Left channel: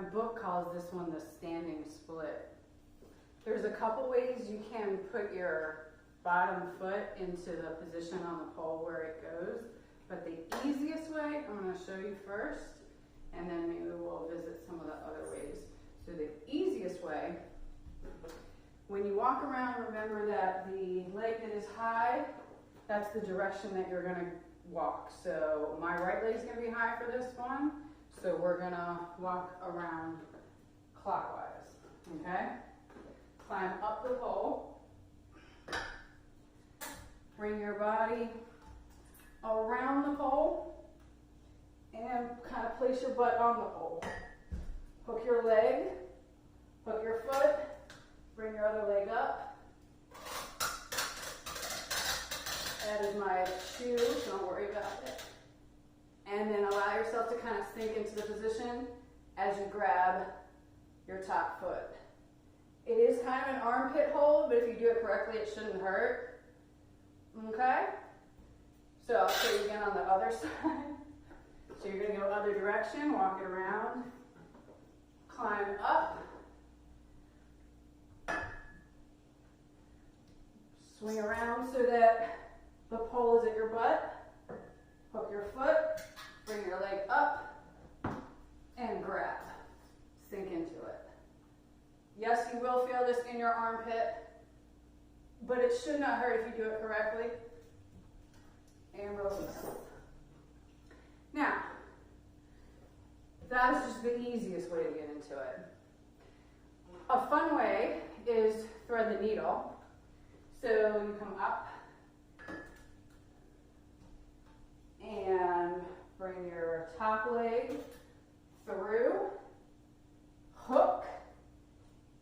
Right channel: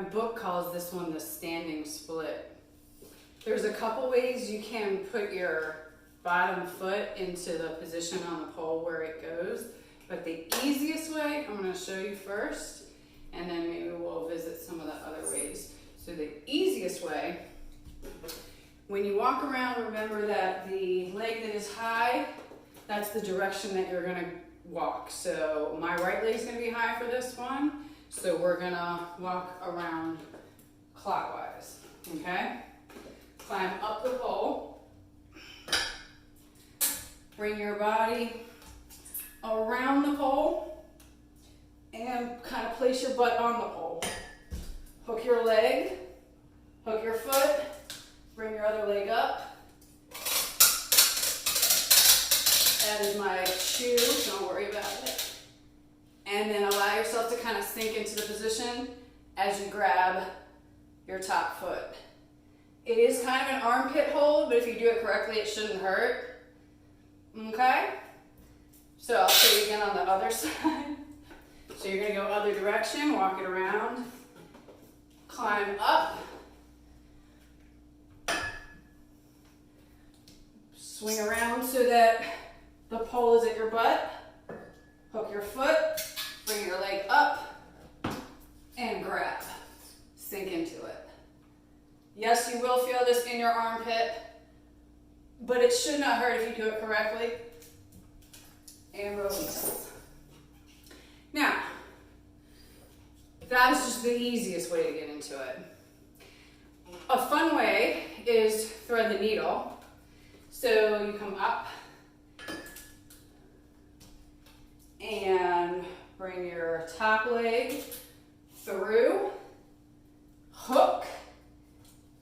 My book calls this one the standing split. There's a couple ways you can put your bottom foot into the position on the pole where it goes, but the easiest way, I'm going to show you first, and then maybe we'll visit some of the other ways. So the easiest way, when you walk around, remember that the leg that is high, that's the direction that you're going to walk. So my right leg is going to be high for this one, so we're going to walk around clockwise, okay? Climb up the pole. Bring your body around the pole and kind of place your butt on the pole. Hook your leg, hook your foot, bring your other leg up. That is my shoe, don't worry about it. And then allow yourself to kind of sink into the position as you grab your top foot. It is kind of an armpit hold, but if you do it correctly, it shouldn't hurt. Okay? So I'll show you again on the other side. So you're going to go other direction, walk it around, climb up, swing around so that the pole is at your butt, hook your foot, bring your leg up, and grab. Sink into it. Yes, you will feel this in your armpit, but it should not hurt if you do it correctly. And release. Now, that is just the easiest way to get into it. A fun way is thread the needle. So you come up and bring your top leg through, hook,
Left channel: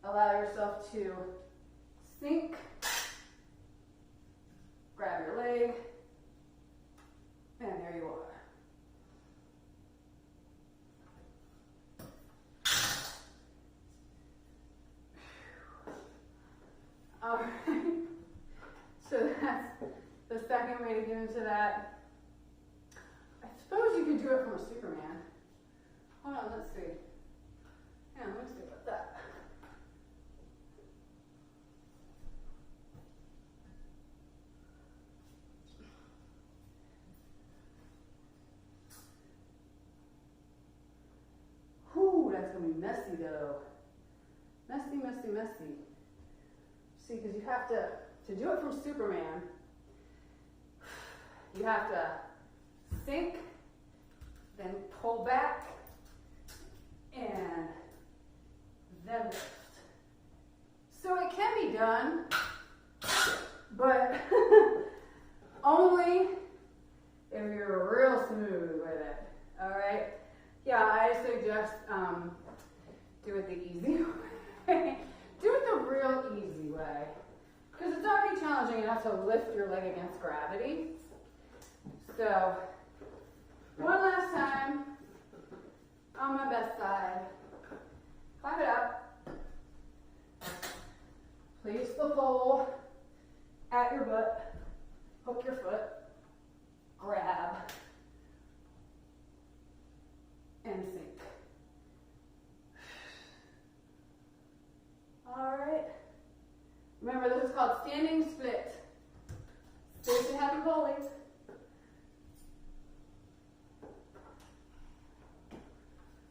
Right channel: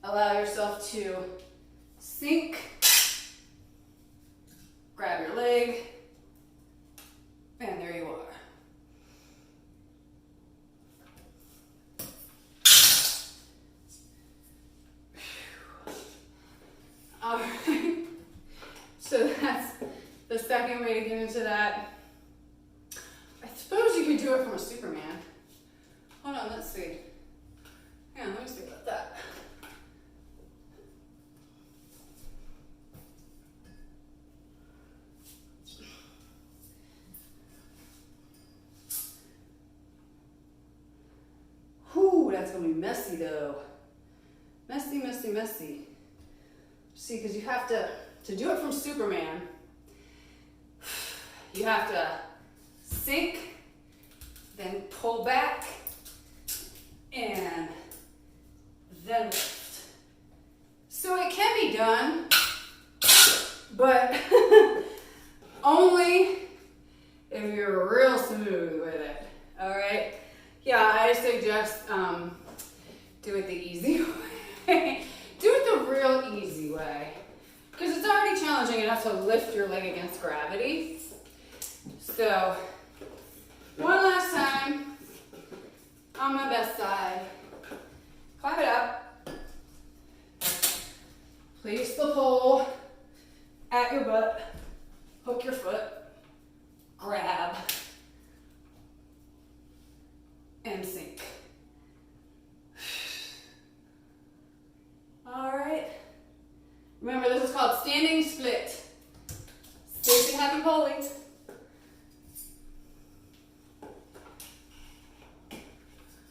allow yourself to sink, grab your leg, and there you are. All right, so that's the second way to get into that. I suppose you could do it from a Superman. Hold on, let's see. Yeah, let me see about that. Whew, that's gonna be messy though. Messy, messy, messy. See, because you have to do it from Superman, you have to sink, then pull back, and then lift. So it can be done, but only if you're real smooth with it, all right? Yeah, I suggest do it the easy way. Do it the real easy way, because it's already challenging enough to lift your leg against gravity. So, one last time, on my best side, climb it up, place the pole at your butt, hook your foot, grab, and sink. All right. Remember, this is called standing split.